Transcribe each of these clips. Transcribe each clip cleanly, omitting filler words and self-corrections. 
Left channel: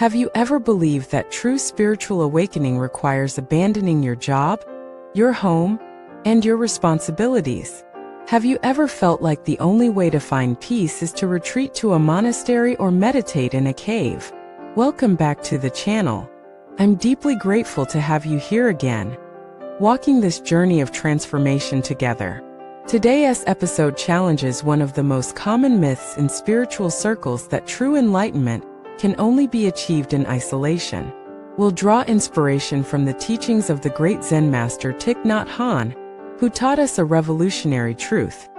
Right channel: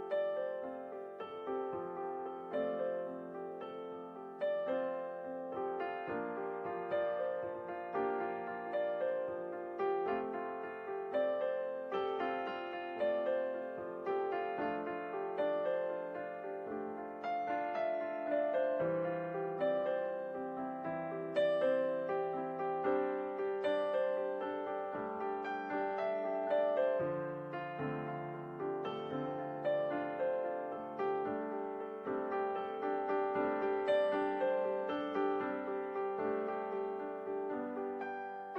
Have you ever believed that true spiritual awakening requires abandoning your job, your home, and your responsibilities? Have you ever felt like the only way to find peace is to retreat to a monastery or meditate in a cave? Welcome back to the channel. I'm deeply grateful to have you here again, walking this journey of transformation together. Today's episode challenges one of the most common myths in spiritual circles, that true enlightenment can only be achieved in isolation. We'll draw inspiration from the teachings of the great Zen master Thich Nhat Hanh, who taught us a revolutionary truth.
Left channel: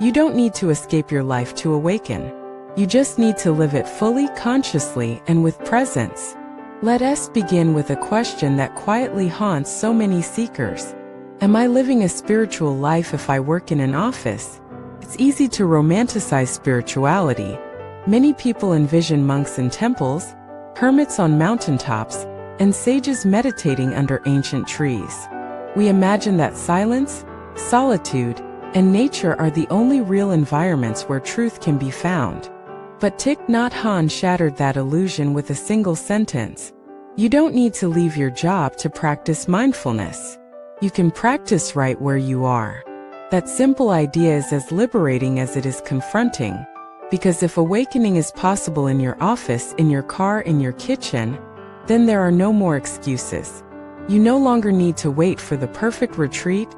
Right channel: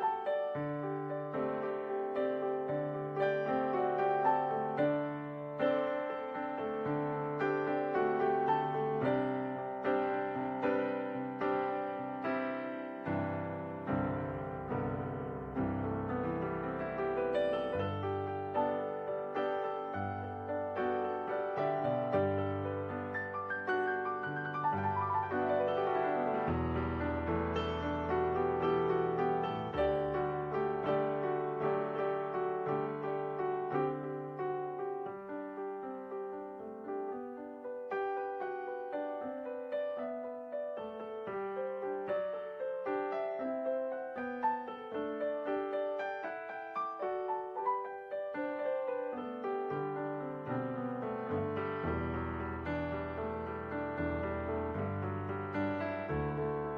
You don't need to escape your life to awaken. You just need to live it fully, consciously, and with presence. Let us begin with a question that quietly haunts so many seekers. Am I living a spiritual life if I work in an office? It's easy to romanticize spirituality. Many people envision monks in temples, hermits on mountaintops, and sages meditating under ancient trees. We imagine that silence, solitude, and nature are the only real environments where truth can be found. But Thich Nhat Hanh shattered that illusion with a single sentence. You don't need to leave your job to practice mindfulness. You can practice right where you are. That simple idea is as liberating as it is confronting. Because if awakening is possible in your office, in your car, in your kitchen, then there are no more excuses. You no longer need to wait for the perfect retreat,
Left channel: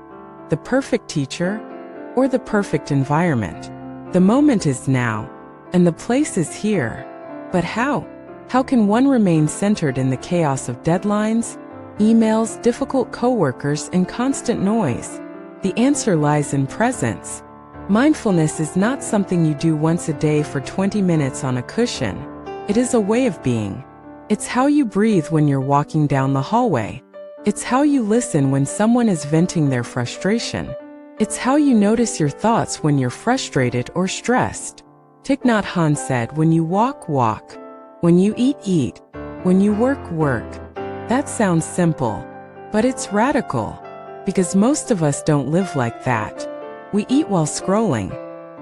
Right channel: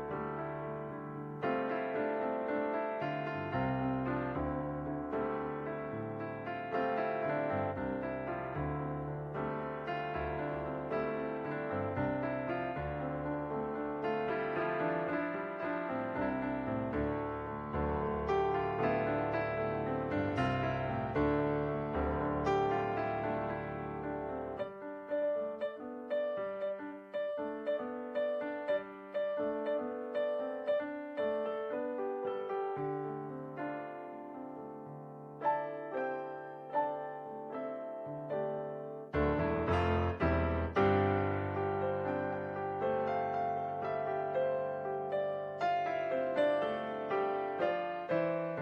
the perfect teacher, or the perfect environment. The moment is now, and the place is here. But how? How can one remain centered in the chaos of deadlines, emails, difficult coworkers, and constant noise? The answer lies in presence. Mindfulness is not something you do once a day for 20 minutes on a cushion. It is a way of being. It's how you breathe when you're walking down the hallway. It's how you listen when someone is venting their frustration. It's how you notice your thoughts when you're frustrated or stressed. Thich Nhat Hanh said, when you walk, walk. When you eat, eat. When you work, work. That sounds simple, but it's radical. Because most of us don't live like that. We eat while scrolling.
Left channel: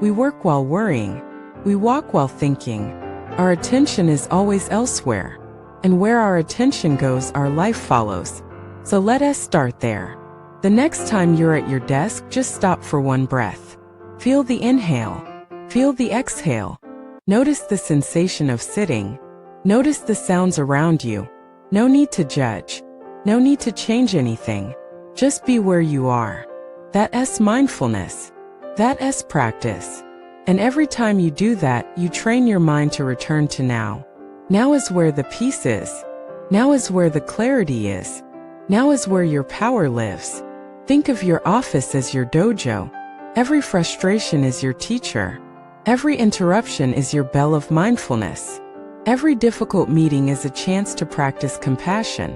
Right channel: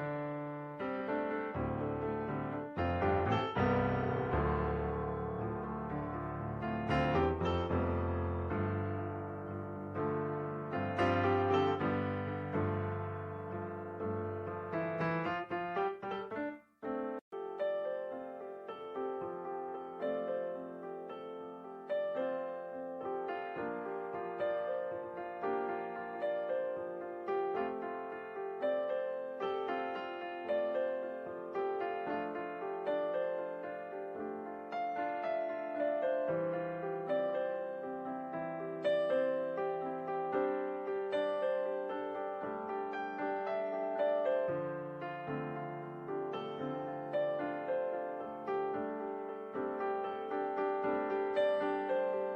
We work while worrying. We walk while thinking. Our attention is always elsewhere. And where our attention goes, our life follows. So let us start there. The next time you're at your desk, just stop for one breath. Feel the inhale. Feel the exhale. Notice the sensation of sitting. Notice the sounds around you. No need to judge. No need to change anything. Just be where you are. That's mindfulness. That's practice. And every time you do that, you train your mind to return to now. Now is where the peace is. Now is where the clarity is. Now is where your power lives. Think of your office as your dojo. Every frustration is your teacher. Every interruption is your bell of mindfulness. Every difficult meeting is a chance to practice compassion.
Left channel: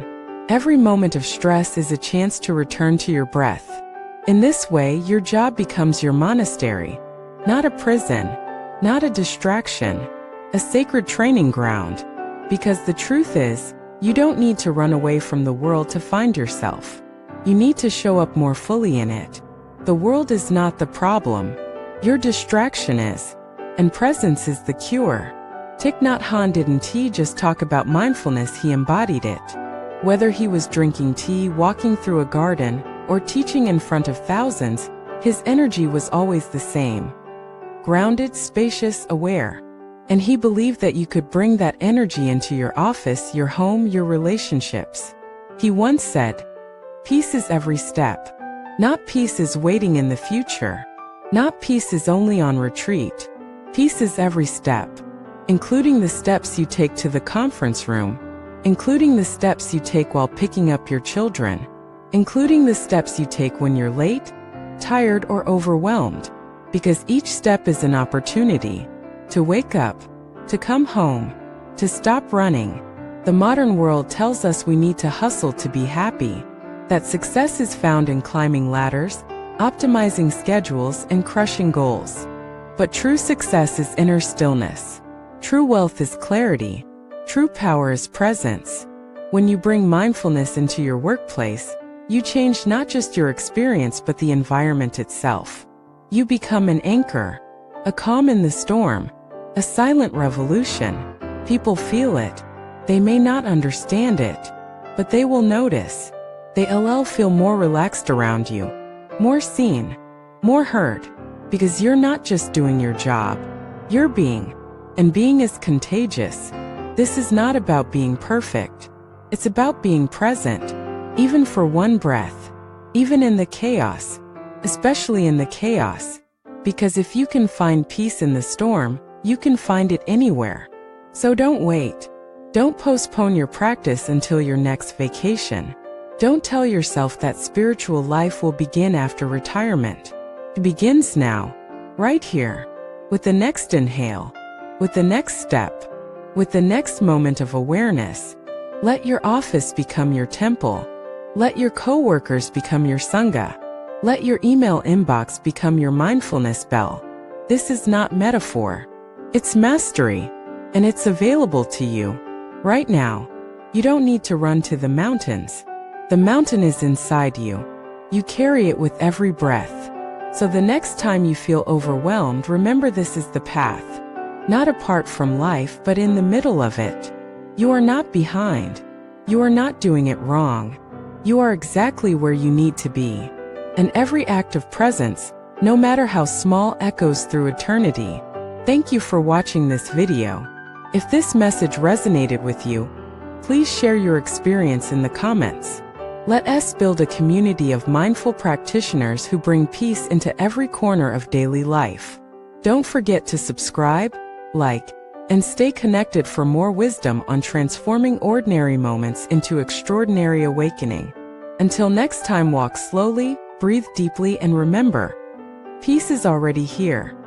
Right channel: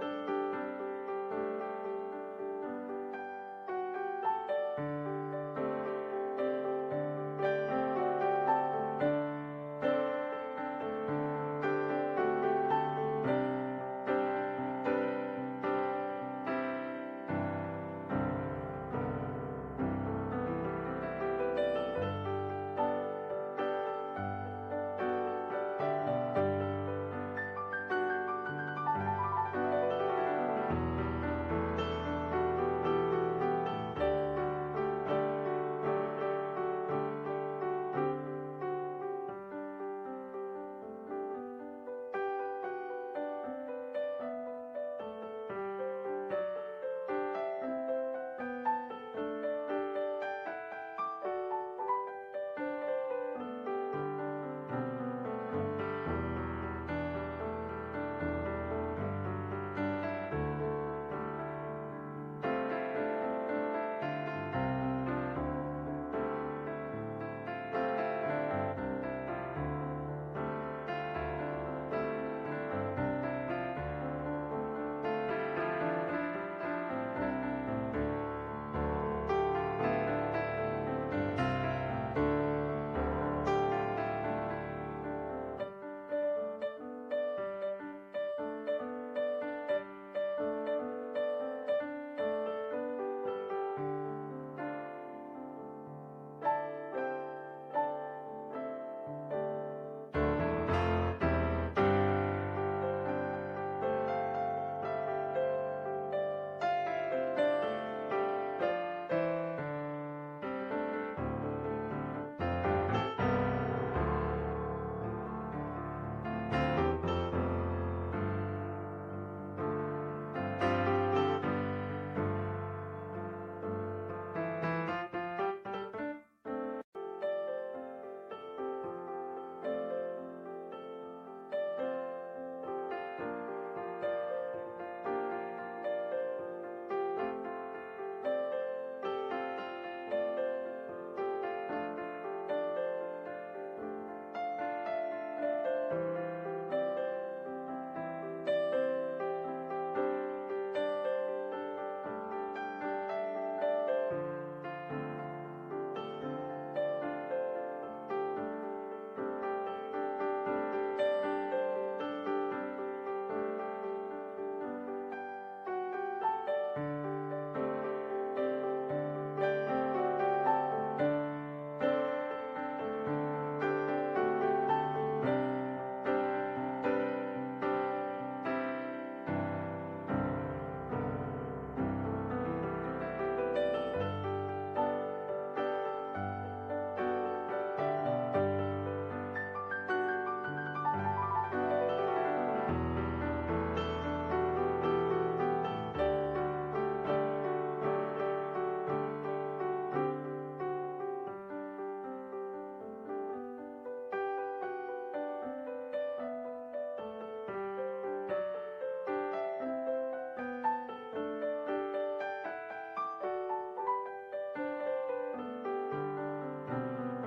Every moment of stress is a chance to return to your breath. In this way, your job becomes your monastery. Not a prison, not a distraction, a sacred training ground. Because the truth is, you don't need to run away from the world to find yourself. You need to show up more fully in it. The world is not the problem. Your distraction is. And presence is the cure. Thich Nhat Hanh didn't just talk about mindfulness, he embodied it. Whether he was drinking tea, walking through a garden, or teaching in front of thousands, his energy was always the same. Grounded, spacious, aware. And he believed that you could bring that energy into your office, your home, your relationships. He once said, "Peace is every step. Not peace is waiting in the future. Not peace is only on retreat. Peace is every step, including the steps you take to the conference room, including the steps you take while picking up your children, including the steps you take when you're late, tired, or overwhelmed. Because each step is an opportunity to wake up, to come home, to stop running." The modern world tells us we need to hustle to be happy, that success is found in climbing ladders, optimizing schedules, and crushing goals. But true success is inner stillness. True wealth is clarity. True power is presence. When you bring mindfulness into your workplace, you change not just your experience but the environment itself. You become an anchor, a calm in the storm, a silent revolution. People feel it. They may not understand it, but they will notice. They'll feel more relaxed around you, more seen, more heard, because you're not just doing your job, you're being. And being is contagious. This is not about being perfect. It's about being present, even for one breath, even in the chaos, especially in the chaos. Because if you can find peace in the storm, you can find it anywhere. So don't wait. Don't postpone your practice until your next vacation. Don't tell yourself that spiritual life will begin after retirement. It begins now, right here, with the next inhale, with the next step, with the next moment of awareness. Let your office become your temple. Let your coworkers become your sangha. Let your email inbox become your mindfulness bell. This is not metaphor. It's mastery, and it's available to you right now. You don't need to run to the mountains. The mountain is inside you. You carry it with every breath. So the next time you feel overwhelmed, remember this is the path. Not apart from life, but in the middle of it. You are not behind. You are not doing it wrong. You are exactly where you need to be. And every act of presence, no matter how small, echoes through eternity. Thank you for watching this video. If this message resonated with you, please share your experience in the comments. Let us build a community of mindful practitioners who bring peace into every corner of daily life. Don't forget to subscribe, like, and stay connected for more wisdom on transforming ordinary moments into extraordinary awakening. Until next time, walk slowly, breathe deeply, and remember, peace is already here.